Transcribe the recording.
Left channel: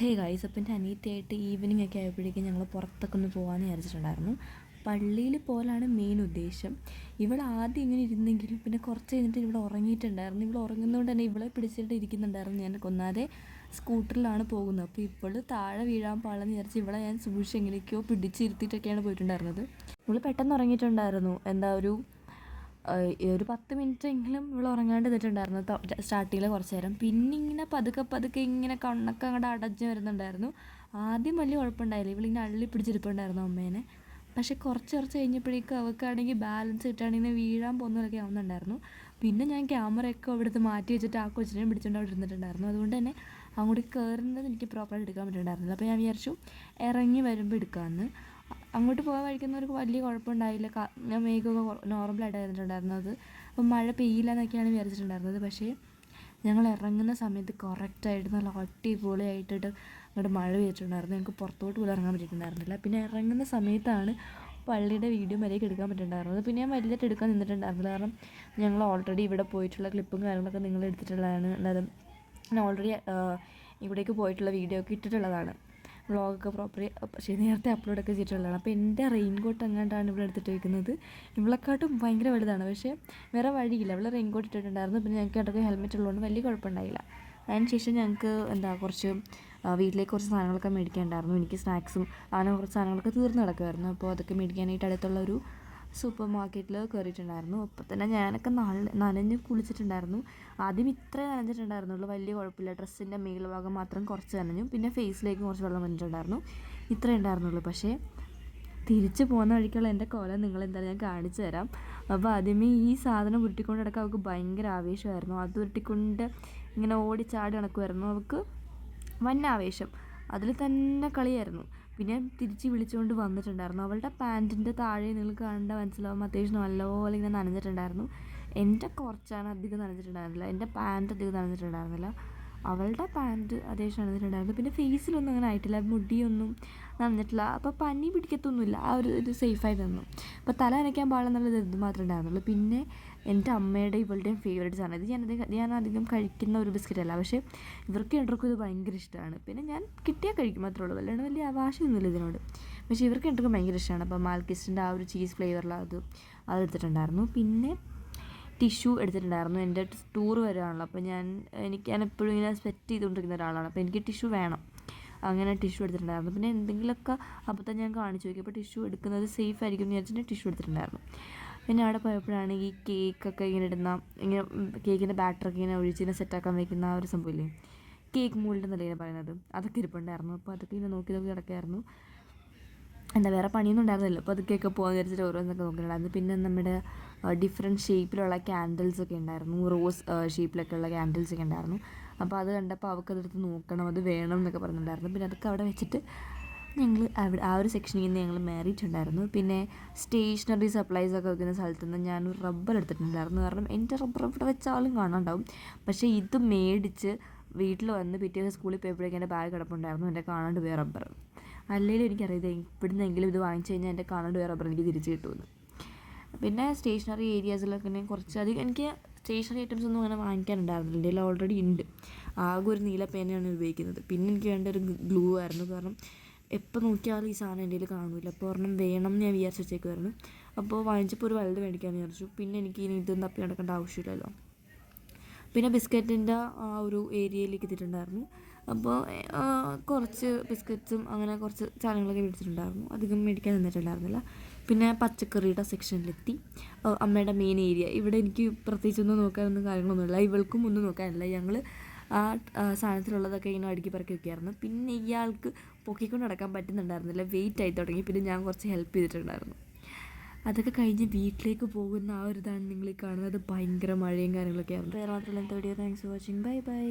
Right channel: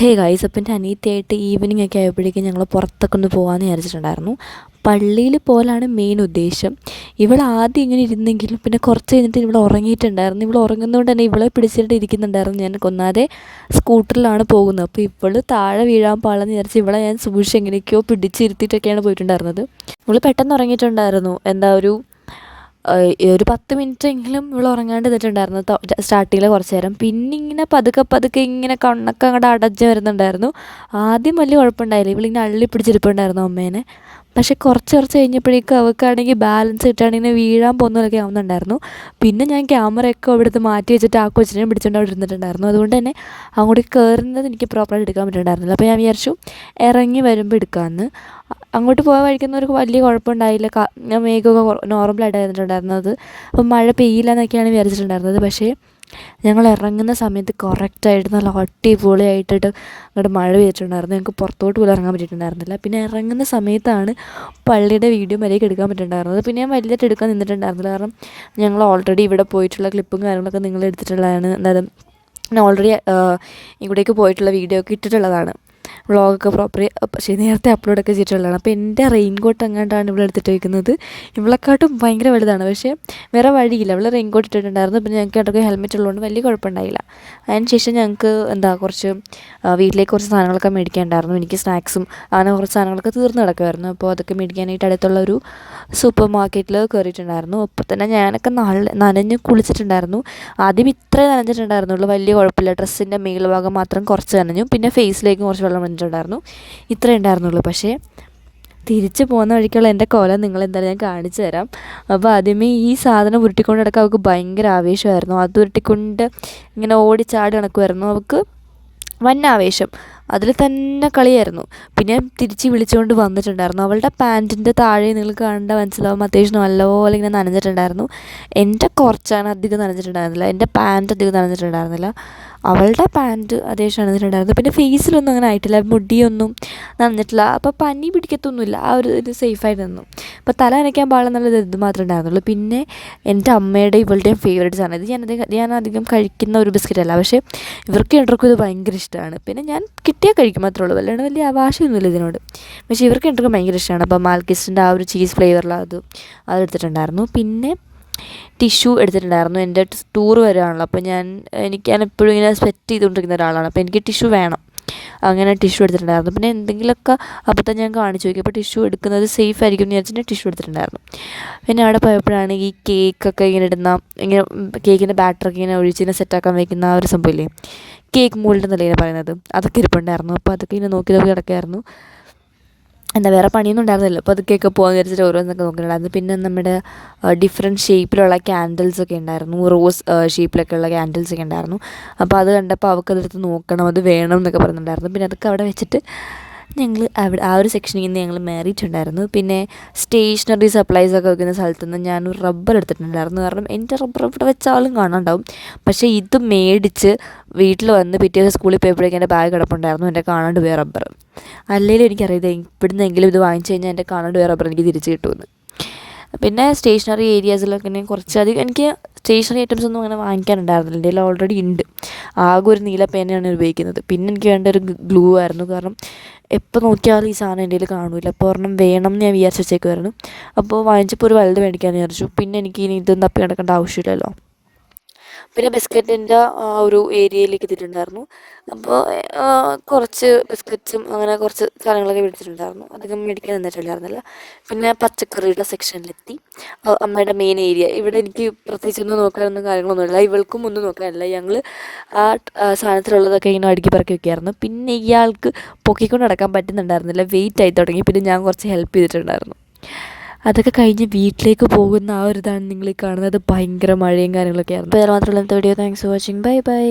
Hey guys, അപ്പം എൻ്റെ അനിയത്തിയായിട്ട് evening ഒക്കെ ആയപ്പോഴേക്കും ഞങ്ങൾ പുറത്തൊക്കെ ഒന്ന് പോകാമെന്ന് വിചാരിച്ചിട്ടുണ്ടായിരുന്നു. പള്ളിയിൽ പോലാണ് മെയിൻ ഉദ്ദേശം. ഇവൾ ആദ്യം ഇങ്ങനെ ഇരുന്നെങ്കിലും പിന്നെ കുറച്ച് കഴിഞ്ഞിട്ട് ഇവൾ ഉറങ്ങിയിട്ടുണ്ടായിരുന്നു. ഇവൾ ഉറങ്ങുന്നതുകൊണ്ട് തന്നെ ഇവളെ പിടിച്ചിട്ട് ഇരിക്കുന്നുണ്ടായിരുന്നു. ഞാൻ ഒന്നാതെ സ്കൂട്ടറിലാണ് പോകുന്നത്. അപ്പോൾ ഇവൾ താഴെ വീഴാൻ പാടില്ലെന്ന് വിചാരിച്ച് ഇവളെ ഞാൻ സൂക്ഷിച്ച് എങ്ങനെയൊക്കെയോ പിടിച്ചിരുത്തിയിട്ടൊക്കെയാണ് പോയിട്ടുണ്ടായിരുന്നത്. ഇവൾ പെട്ടെന്ന് ഉറങ്ങിയിട്ടുണ്ടായിരുന്നു. ഒരു 10 മിനിറ്റെങ്കിലും ഇവൾ ഉറങ്ങാണ്ട് നിന്നിട്ടുണ്ടായിരുന്നു സ്റ്റാർട്ടിങ്ങിൽ കുറച്ച് നേരം. പിന്നെ ഇങ്ങനെ പതുക്കെ ഇങ്ങനെ കണ്ണൊക്കെ അങ്ങോട്ട് അടഞ്ഞ് വരുന്നുണ്ടായിരുന്നു. ആദ്യം വലിയ കുഴപ്പമുണ്ടായില്ല, ഇവളിങ്ങനെ അള്ളി പിടിച്ചിരിപ്പുണ്ടായിരുന്നു അമ്മേനെ. പക്ഷേ കുറച്ച് കഴിഞ്ഞപ്പോഴേക്കും അവൾക്കാണെങ്കിൽ ബാലൻസ് കിട്ടുകയാണെങ്കിൽ വീഴാൻ പോകുന്നതൊക്കെ ആവുന്നുണ്ടായിരുന്നു. പിന്നെ ഞാൻ ക്യാമറയൊക്കെ അവിടുത്തെ മാറ്റി വെച്ചിട്ട് ആ കൊച്ചിനെ പിടിച്ചുകൊണ്ട് അവിടെ ഇരുന്നിട്ടുണ്ടായിരുന്നു. അതുകൊണ്ട് തന്നെ അങ്ങോട്ട് കയറുന്നത് എനിക്ക് പ്രോപ്പറായിട്ട് എടുക്കാൻ പറ്റുന്നുണ്ടായിരുന്നില്ല. അപ്പോൾ ഞാൻ വിചാരിച്ചു ഇറങ്ങി വരുമ്പോൾ എടുക്കാമെന്ന്. അങ്ങോട്ട് പോകാൻ വഴിക്കുന്നവർക്ക് വലിയ കുഴപ്പമുണ്ടായില്ല. ഞാൻ മേഘമൊക്കെ നോർമലായിട്ട് ആയിരുന്നിട്ടുണ്ടായിരുന്നത്. അപ്പം മഴ പെയ്യില്ല എന്നൊക്കെയാണ് വിചാരിച്ചിട്ടുണ്ടായിരുന്നത്. പക്ഷേ ഞങ്ങൾ ഇറങ്ങുന്ന സമയത്ത് കറക്റ്റായിട്ട് നല്ല അടിപൊളിയായിട്ടിട്ട് അങ്ങോട്ട് മഴ പെയ്തിട്ടുണ്ടായിരുന്നു. ഞങ്ങൾക്ക് പുറത്തോട്ട് പോലും ഇറങ്ങാൻ പറ്റിയിട്ടുണ്ടായിരുന്നില്ല. പിന്നെ ഇറങ്ങുന്ന സമയത്താണ് പള്ളിയുടെ വീഡിയോ വരെയൊക്കെ എടുക്കാൻ പറ്റിയിട്ടുണ്ടായിരുന്നത്. പിന്നെ ഞാൻ വലിയതായിട്ട് എടുക്കാൻ നിന്നിട്ടുണ്ടായിരുന്നില്ല. കാരണം ഞങ്ങൾ ഓൾറെഡി ഇവിടെ പോയിട്ടുള്ള ക്ലിപ്പും കാര്യങ്ങളൊക്കെ നിങ്ങൾ എടുത്തിട്ടുള്ളതാണ്. എന്തായാലും ഞാൻ ഓൾറെഡി ഇവിടേക്ക് പോയിട്ടുള്ള വീഡിയോ ഒക്കെ ഇട്ടിട്ടുള്ളതാണ്. വ്ളോഗൊക്കെ പക്ഷേ നേരത്തെ അപ്ലോഡൊക്കെ ചെയ്തിട്ടുള്ളതാണ്. അപ്പോൾ എൻ്റെ റെയിൻകോട്ട് എങ്ങാണ്ടാണ് ഇവിടെ എടുത്തിട്ട് വയ്ക്കുന്നത്. ഇവളെക്കാട്ടും ഭയങ്കര വലുതാണ്. പക്ഷേ വേറെ വഴിയില്ല, അവൾ റെയിൻകോട്ട് ഇട്ടിട്ടുണ്ടായിരുന്നു. പിന്നെ ഞങ്ങൾക്ക് ഇടയ്ക്ക് ഹെൽമെറ്റ് ഉള്ളതുകൊണ്ട് വലിയ കുഴപ്പമുണ്ടായില്ല. അതിന് ശേഷം ഞങ്ങൾക്ക് കുറച്ച് വീട്ടിലേക്ക് കുറച്ച് സാധനങ്ങളൊക്കെ മേടിക്കാനുണ്ടായിരുന്നു. എനിക്ക് സ്നാക്സും അങ്ങനെ കുറച്ച് സാധനങ്ങളൊക്കെ തീർന്ന് കിടക്കുമായിരുന്നു. അപ്പോൾ അതൊക്കെ മേടിക്കാനായിട്ട് അടുത്തുള്ള ഒരു സൂപ്പർ മാർക്കറ്റിൽ കയറിയിട്ടുണ്ടായിരുന്നു. അപ്പോൾ തന്നെ ഞാനൊക്കെ നനഞ്ഞ് കുളിച്ചിട്ടുണ്ടായിരുന്നു. ആദ്യം ഇത്രേ നനഞ്ഞിട്ടുണ്ടായിരുന്നുള്ളൂ, വലിയ കുഴപ്പമില്ല. ഡ്രസ്സിൻ്റെ മേൽഭാഗം മാത്രം കുറച്ച് നനഞ്ഞു. പിന്നെ ഫേസിലേക്ക് കുറച്ച് വെള്ളം വന്നിട്ടുണ്ടായിരുന്നു. ഇത്രേ ഉണ്ടായിരുന്നുള്ളൂ. പക്ഷേ തിരിച്ച് പോകുന്ന വഴിക്കുള്ള എൻ്റെ കോലം നിങ്ങളെന്തായാലും ഞാൻ കാണിച്ചു തരാം. അപ്പോൾ ആദ്യമേ ഈ സാധനം ഉരുട്ടിക്കൊണ്ട് നടക്കാൻ അവൾക്ക് ഭയങ്കര ആവേശമായിരുന്നു. അത് ഉരുട്ടിക്കൊണ്ട് ഇങ്ങനെ ഓടിച്ചാടി നടക്കുമായിരുന്നു. അവൾക്ക് വൻ ആവേശം, അതിൽ തന്നെ കളിയായിരുന്നു. പിന്നെ തിരിച്ച് വിളിച്ചുകൊണ്ട് വന്നിട്ടുണ്ടായിരുന്നു. അവളുടെ പാൻറ്റിൻ്റെ താഴെ നിങ്ങൾ കണ്ട മനസ്സിലാവും അത്യാവശ്യം നല്ലപോലെ ഇങ്ങനെ നനഞ്ഞിട്ടുണ്ടായിരുന്നു. എൻ്റെ കുറച്ചാണ്, അധികം നനഞ്ഞിട്ടുണ്ടായിരുന്നില്ല. എൻ്റെ പാൻറ്റ് അധികം നനഞ്ഞിട്ടുണ്ടായിരുന്നില്ല. അവളുടെ പാൻറ്റ് അത്യാവശ്യം നനഞ്ഞിട്ടുണ്ടായിരുന്നു. പിന്നെ ഫേസിലൊന്നും അങ്ങനെ ആയിട്ടില്ല, മുടിയൊന്നും നനഞ്ഞിട്ടില്ല. അപ്പോൾ പനി പിടിക്കത്തൊന്നുമില്ല, ആ ഒരു ഇത് സേഫായിട്ട് നിന്നു. അപ്പോൾ തല നനയ്ക്കാൻ പാടില്ലെന്നുള്ളത് ഇത് മാത്രമേ ഉണ്ടായിരുന്നുള്ളൂ. പിന്നെ എൻ്റെ അമ്മയുടെ ഇവളുടെയും ഫേവറേറ്റ്സ് ആണ് ഇത്. ഞാൻ അധികം കഴിക്കുന്ന ഒരു ബിസ്ക്കറ്റല്ല, പക്ഷേ ഇവർക്ക് രണ്ടുപേർക്കും ഇത് ഭയങ്കര ഇഷ്ടമാണ്. പിന്നെ ഞാൻ കിട്ടിയാൽ കഴിക്കും മാത്രമേ ഉള്ളൂ, അല്ലാണ്ട് വലിയ ആവാശമൊന്നുമില്ല ഇതിനോട്. പക്ഷേ ഇവർക്ക് രണ്ടുപേർക്കും ഭയങ്കര ഇഷ്ടമാണ്. അപ്പോൾ മാൽക്കിസിൻ്റെ ആ ഒരു ചീസ് ഫ്ലേവറിൽ അതെടുത്തിട്ടുണ്ടായിരുന്നു. പിന്നെ ടിഷ്യൂ എടുത്തിട്ടുണ്ടായിരുന്നു. എൻ്റെ ടൂർ വരികയാണല്ലോ, അപ്പോൾ ഞാൻ എപ്പോഴും ഇങ്ങനെ സ്വെറ്റ് ചെയ്തുകൊണ്ടിരിക്കുന്ന ഒരാളാണ്. അപ്പോൾ എനിക്ക് ടിഷ്യൂ വേണം. അങ്ങനെ ടിഷ്യൂ എടുത്തിട്ടുണ്ടായിരുന്നു. പിന്നെ എന്തെങ്കിലുമൊക്കെ അപ്പോൾ തന്നെ ഞാൻ കാണിച്ചു നോക്കി. അപ്പോൾ ടിഷ്യൂ എടുക്കുന്നത് സേഫ് ആയിരിക്കും എന്ന് വിചാരിച്ചിട്ട് ടിഷ്യൂ എടുത്തിട്ടുണ്ടായിരുന്നു. പിന്നെ അവിടെ പോയപ്പോഴാണ് ഈ കേക്കൊക്കെ ഇങ്ങനെ കേക്കിൻ്റെ ബാറ്ററൊക്കെ ഇങ്ങനെ ഒഴിച്ചിങ്ങനെ സെറ്റാക്കാൻ വയ്ക്കുന്ന ആ ഒരു സംഭവമില്ലേ, കേക്ക് മോൾഡ് എന്നല്ലേ ഇങ്ങനെ പറയുന്നത്, അതൊക്കെ ഇരിപ്പുണ്ടായിരുന്നു. അപ്പോൾ അതൊക്കെ ഇങ്ങനെ നോക്കി കിടക്കായിരുന്നു. വേറെ പണിയൊന്നും ഉണ്ടായിരുന്നില്ല. അപ്പോൾ അതൊക്കെയൊക്കെ പോകാൻ വിചാരിച്ചിട്ട് ഓരോന്നൊക്കെ നോക്കിയിട്ടുണ്ടായിരുന്നു. പിന്നെ നമ്മുടെ ഡിഫറെൻറ്റ് ഷേപ്പിലുള്ള ക്യാൻഡിൽസൊക്കെ ഉണ്ടായിരുന്നു. റോസ് ഷേപ്പിലൊക്കെയുള്ള ക്യാൻഡിൽസൊക്കെ ഉണ്ടായിരുന്നു. അപ്പോൾ അത് കണ്ടപ്പോൾ അവൾക്കതെടുത്ത് നോക്കണം, അത് വേണം എന്നൊക്കെ പറയുന്നുണ്ടായിരുന്നു. പിന്നെ അതൊക്കെ അവിടെ വെച്ചിട്ട് ഞങ്ങൾ ആ ഒരു സെക്ഷനിൽ നിന്ന് ഞങ്ങൾ മാറിയിട്ടുണ്ടായിരുന്നു. പിന്നെ സ്റ്റേഷനറി സപ്ലൈസൊക്കെ വെക്കുന്ന സ്ഥലത്ത് നിന്ന് ഞാനൊരു റബ്ബർ എടുത്തിട്ടുണ്ടായിരുന്നു. കാരണം എൻ്റെ റബ്ബർ ഇവിടെ വെച്ചാലും കാണാണ്ടാവും. പക്ഷേ ഇത് മേടിച്ച് വീട്ടിൽ വന്ന് പിറ്റേ ദിവസം സ്കൂളിൽ പോയപ്പോഴേക്കും എൻ്റെ ബാഗ് കിടപ്പുണ്ടായിരുന്നു. എൻ്റെ കാണാണ്ട് പോയ റബ്ബർ. അല്ലെങ്കിലും എനിക്കറിയാം ഇവിടുന്നെങ്കിലും ഇത് വാങ്ങിച്ചു കഴിഞ്ഞാൽ എൻ്റെ കാണാണ്ട് പോയ റബ്ബർ എനിക്ക് തിരിച്ച് കിട്ടുമെന്ന്. പിന്നെ സ്റ്റേഷനറി ഏരിയാസിലൊക്കെ കുറച്ചധികം എനിക്ക് സ്റ്റേഷനറി ഐറ്റംസ് ഒന്നും അങ്ങനെ വാങ്ങിക്കാനുണ്ടായിരുന്നില്ല. എൻ്റെ കയ്യിൽ ഓൾറെഡി ഉണ്ട്. ആകെ ഒരു നീല പേനയാണ് ഉപയോഗിക്കുന്നത്. പിന്നെ എനിക്ക് വേണ്ട ഒരു ഗ്ലൂ ആയിരുന്നു. കാരണം എപ്പോൾ നോക്കിയാലും ഈ സാധനം എൻ്റെ കയ്യിൽ കാണില്ല. അപ്പോൾ ഒരെണ്ണം വേണം എന്ന് ഞാൻ വിചാരിച്ച് വെച്ചേക്കുമായിരുന്നു. അപ്പോൾ വാങ്ങിച്ചപ്പോൾ ഒരു വലുത് മേടിക്കാമെന്ന് വിചാരിച്ചു. പിന്നെ എനിക്ക് ഇനി ഇതൊന്നും തപ്പി നടക്കേണ്ട ആവശ്യമില്ലല്ലോ. പിന്നെ ബിസ്ക്കറ്റിൻ്റെ ഒരു ഏരിയയിലേക്ക് എത്തിയിട്ടുണ്ടായിരുന്നു. അപ്പോൾ കുറച്ച് ബിസ്ക്കറ്റ്സും അങ്ങനെ കുറച്ച് സാധനങ്ങളൊക്കെ മേടിച്ചിട്ടുണ്ടായിരുന്നു. അധികം മേടിക്കാൻ നിന്നിട്ടുണ്ടായിരുന്നില്ല. പിന്നെ പച്ചക്കറിയുടെ സെക്ഷനിലെത്തി. അമ്മയുടെ മെയിൻ ഏരിയ. ഇവിടെ എനിക്ക് പ്രത്യേകിച്ചൊന്നും നോക്കാനൊന്നും കാര്യങ്ങളൊന്നുമില്ല, ഇവൾക്കും ഒന്നും നോക്കാനില്ല. ഞങ്ങൾ ആ സാധനത്തിലുള്ളതൊക്കെ ഇങ്ങനെ അടുക്കി പറക്കി വയ്ക്കുമായിരുന്നു. പിന്നെ ഇയാൾക്ക് പൊക്കിക്കൊണ്ട് നടക്കാൻ പറ്റുന്നുണ്ടായിരുന്നില്ല, വെയിറ്റ് ആയി തുടങ്ങി. പിന്നെ ഞാൻ കുറച്ച് ഹെൽപ്പ് ചെയ്തിട്ടുണ്ടായിരുന്നു. അതൊക്കെ കഴിഞ്ഞ് വീട്ടിലേക്ക് പോകുന്ന ആ ഒരു ഇതാണ് നിങ്ങൾ ഈ കാണുന്നത്. ഭയങ്കര മഴയും കാര്യങ്ങളൊക്കെ ആയിരുന്നു. അപ്പോൾ അത് മാത്രമല്ല ഇന്നത്തെ video. Thanks for watching. Bye bye.